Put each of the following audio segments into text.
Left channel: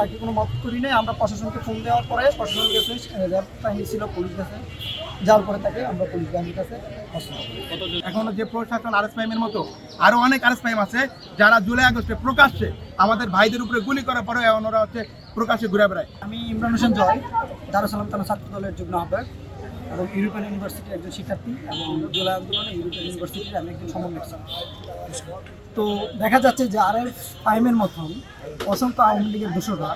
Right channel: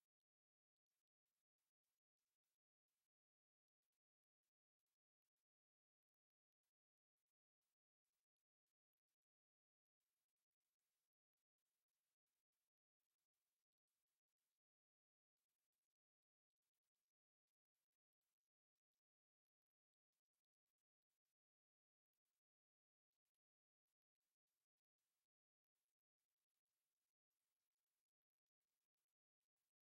তাকে কোনো মত করি নাই। আমরা প্রশাসনকে ফোন দেওয়ার পরে প্রশাসন গেছে, র্যাব বাহিনী ছিল, পুলিশ গেছে, যাওয়ার পরে তাকে আমরা পুলিশ বাহিনীর কাছে এখনো যে প্রশাসন আরএস প্রাইমের মতো আরো অনেক আরএস প্রাইম আছে যারা জুলাই আগস্টে প্রকাশ্যে আমাদের ভাইদের উপরে গুলি করার পরে ওরা হচ্ছে প্রকাশ্যে ঘুরে বেড়ায়। আমি ইমরান হোসেন জয়, দারুস সালাম থানা ছাত্র দলের যুগ্ম আহ্বায়ক এবং ইউরোপিয়ান ইউনিভার্সিটির একজন শিক্ষার্থী এবং জুলাই আন্দোলনে ইউরোপিয়ান ইউনিভার্সিটির আমি একজন সমন্বয়ক। তো দেখা যাচ্ছে যে আরএস প্রাইমের মতন অসংখ্য আওয়ামী লীগের দোষরা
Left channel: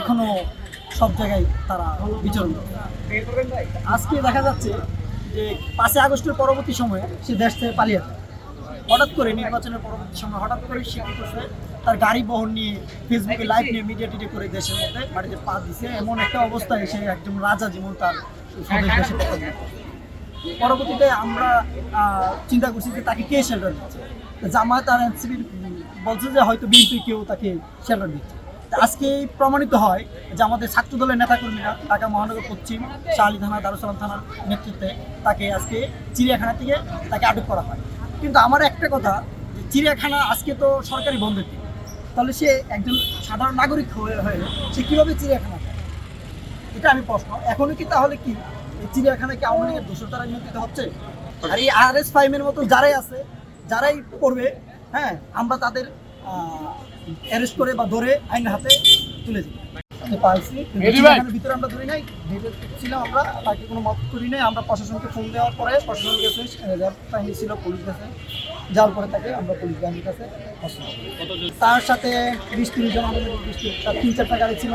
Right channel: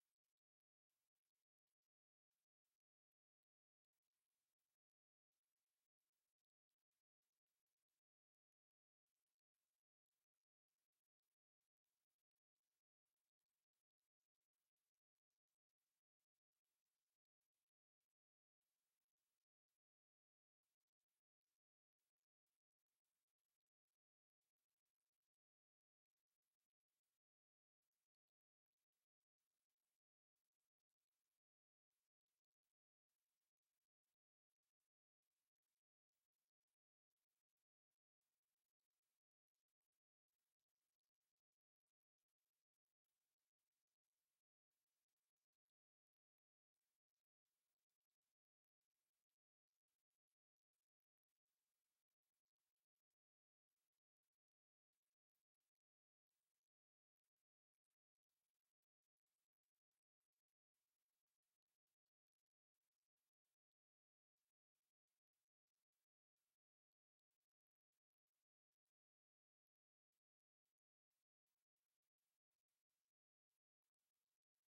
এখনও সব জায়গায় তারা বিচরণ করে। আজকে দেখা যাচ্ছে যে 5 আগস্টের পরবর্তী সময়ে সে দেশ থেকে পালিয়ে যায়। হঠাৎ করে নির্বাচনের পরবর্তী সময় হঠাৎ করে সে কী করছে, তার গাড়ি বহন নিয়ে ফেসবুকে লাইভ নিয়ে মিডিয়া টিডে করে দেশের মধ্যে বাড়িতে পা দিছে। এমন একটা অবস্থায় সে একজন রাজা যেমন তার স্বদেশ দেশে পতন করে। পরবর্তীতে আমরা চিন্তা করছি যে তাকে কে শেল্টার দিচ্ছে। জামায়াত আর এনসিপি বলছে যে হয়তো বিএনপি কেউ তাকে শেল্টার দিচ্ছে। আজকে প্রমাণিত হয় যে আমাদের ছাত্র দলের নেতাকর্মীরা ঢাকা মহানগর পশ্চিম শাহলী থানা, দারুস সালাম থানার নেতৃত্বে তাকে আজকে চিড়িয়াখানা থেকে তাকে আটক করা হয়। কিন্তু আমার একটা কথা, যে চিড়িয়াখানা আজকে তো সরকারি বন্ধের দিন, তাহলে সে একজন সাধারণ নাগরিক হয়ে সে কীভাবে চিড়িয়াখানা যায়, এটা আমি প্রশ্ন। এখনও কি তাহলে কি এই চিড়িয়াখানায় কি আওয়ামী লীগের দোষর দ্বারা নিয়ন্ত্রিত হচ্ছে? আর এই আরএস প্রাইমের মতো যারাই আছে, যারাই করবে, হ্যাঁ, আমরা তাদের অ্যারেস্ট করে বা ধরে আইনের হাতে তুলে দিই। পাইছি ভিতরে আমরা ধরি নাই, ছিলাম আমরা, তাকে কোনো মত করি নাই। আমরা প্রশাসনকে ফোন দেওয়ার পরে প্রশাসন গেছে, র্যাব বাহিনী ছিল, পুলিশ গেছে, যাওয়ার পরে তাকে আমরা পুলিশ বাহিনীর কাছে তার সাথে 20-30 জন আমাদের 3-4টা গাড়ি ছিল,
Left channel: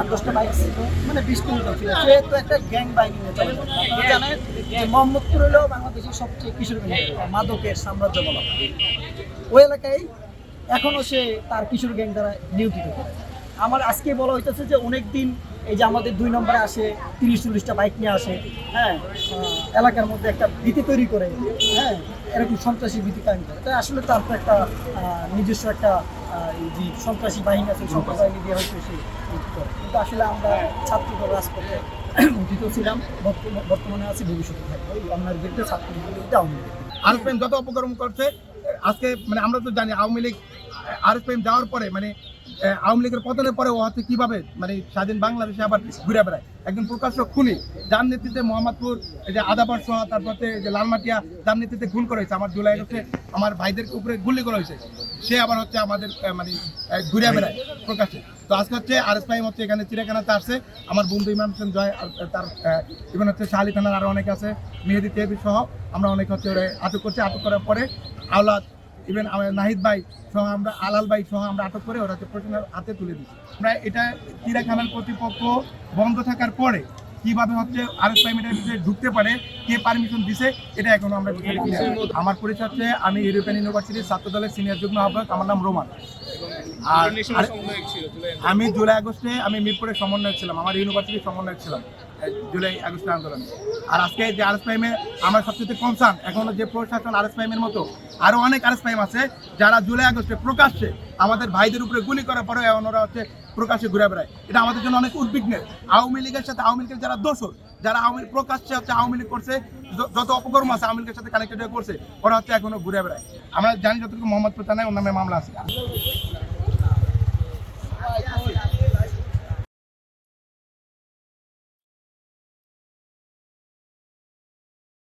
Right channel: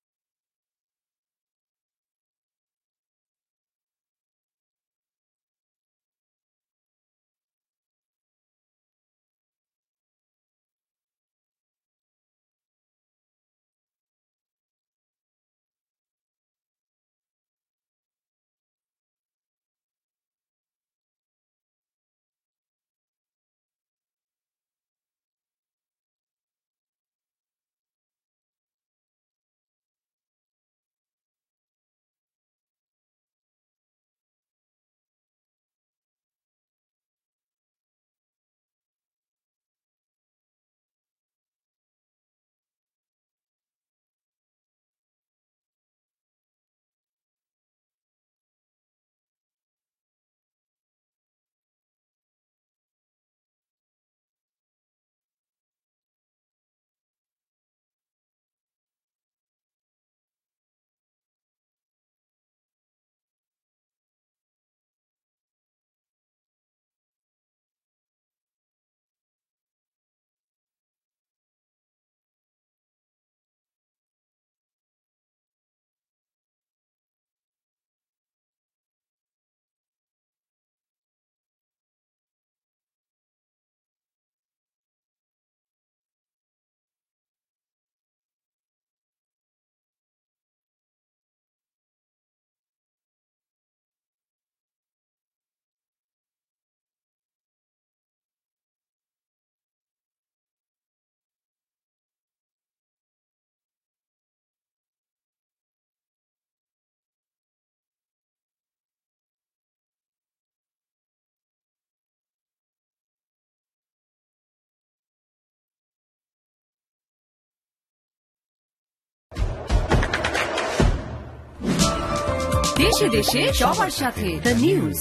8-10টা বাইক ছিল, মানে 20-30 জন ছিল। সে তো একটা গ্যাং বাহিনী নিয়ে চলে। আপনারা জানেন যে মোহাম্মদপুর হলেও বাংলাদেশের সবচেয়ে কিশোরগঞ্জ মাদকের সাম্রাজ্য বলা হয়। ওই এলাকায় এখনও সে তার কিশোর গ্যাং দ্বারা নিয়োজিত করে। আমার আজকে বলা হইতেছে যে অনেক দিন এই যে আমাদের 2 নম্বরে আসে 30-40টা বাইক নিয়ে আসে, হ্যাঁ, এলাকার মধ্যে একটা ভীতি তৈরি করে, হ্যাঁ, এরকম সন্ত্রাসী ভীতি কায়েম করে। তাই আসলে তার তো একটা নিজস্ব একটা যে সন্ত্রাসী বাহিনী আছে, সন্ত্রাসী বাহিনী দিয়ে হয়তো সে করে। কিন্তু আসলে আমরা ছাত্রদল রাজপথে উঠিত ছিলাম, বর্তমানে আছি, ভবিষ্যতে থাকবো আপনার বিরুদ্ধে, ছাত্রদের বিরুদ্ধে, আওয়ামী লীগ। আরএস প্রাইম যত অপকর্ম করছে আজকে, মানে আমরা তো জানি আওয়ামী লীগ আরএস প্রাইম যাওয়ার পরে, মানে আওয়ামী লীগের পতনের পরে ও হচ্ছে কিভাবে মানে স্বাধীন বাংলাদেশে আবার ঘুরে বেড়ায়। একজন প্রকাশ্য খুনি, যার নেতৃত্বে মোহাম্মদপুর এই যে আদাবার সহ, তারপর যে লালমাটিয়া, যার নেতৃত্বে খুন করা হয়েছে, আমার জুলাই আগস্টে আমার ভাইদের উপরে গুলি করা হয়েছে, সে আবার হচ্ছে আমাদের মানে ঘুরে বেড়ায় প্রকাশ্যে। তো আজকে হচ্ছে আরএস প্রাইম হচ্ছে এখানে চিড়িয়াখানাতে আসছে। আমার বন্ধু ইমরান হোসেন জয়, তার ইভেন হচ্ছে শাহলী থানার আরও অনেকে আছে, মেহেদি তেহবি সহ আমরা অনেক হচ্ছে ওরা আটক করছি। আটক করার পরে আওলাদ, ইভেন আমার নাহিদ ভাই সহ, আমরা আলাল ভাই সহ আমরা আটক করে ওরা হচ্ছে প্রশাসনের হাতে তুলে দিচ্ছি। আমরা এটা চিড়িয়াখানার কর্তৃপক্ষ বন্ধ থাকার পরে কিভাবে হচ্ছে আরএস প্রাইমের ভিতরে ঢুকতে পারে, কে পারমিশন দিছে, এটা এখনো আমরা বুঝতে পারি। আমার পরিচয় হচ্ছে আমি ইউরোপিয়ান ইউনিভার্সিটির ছাত্র দলের সিনিয়র যুগ্ম আহ্বায়ক, আমার নাম রোমান। আর আমি জুলাই আগস্টে আমি মিরপুরের সমন্বয়ক ছিলাম, আমার ইউনিভার্সিটির সমন্বয়ক ছিলাম জুলাই আগস্টের আন্দোলনে। আর আজকে যে আরএস প্রাইমে আমার সবচেয়ে কনসার্ন, এখনো যে প্রশাসন আরএস প্রাইমের মতো আরো অনেক আরএস প্রাইম আছে যারা জুলাই আগস্টে প্রকাশ্যে আমাদের ভাইদের উপরে গুলি করার পরে ওরা হচ্ছে প্রকাশ্যে ঘুরে বেড়ায়। এটা আমাদের জন্য অনেক উদ্বিগ্নের। আওয়ামী লীগের সাথে, আওয়ামী লীগের যারা দোষর, যারা আওয়ামী প্রকাশ্যে হচ্ছে আওয়ামী লীগ করছে, যত অপকর্ম আছে আওয়ামী লীগের সাথে কানেক্টেড হয়ে করছে, ওরা হচ্ছে এখনো ঘুরে বেড়ায়। আমরা জানি যতটুকু মোহাম্মদপুর থানায় ওর নামে মামলা আছে। দেশে দেশে সবার সাথে দ্য নিউজ।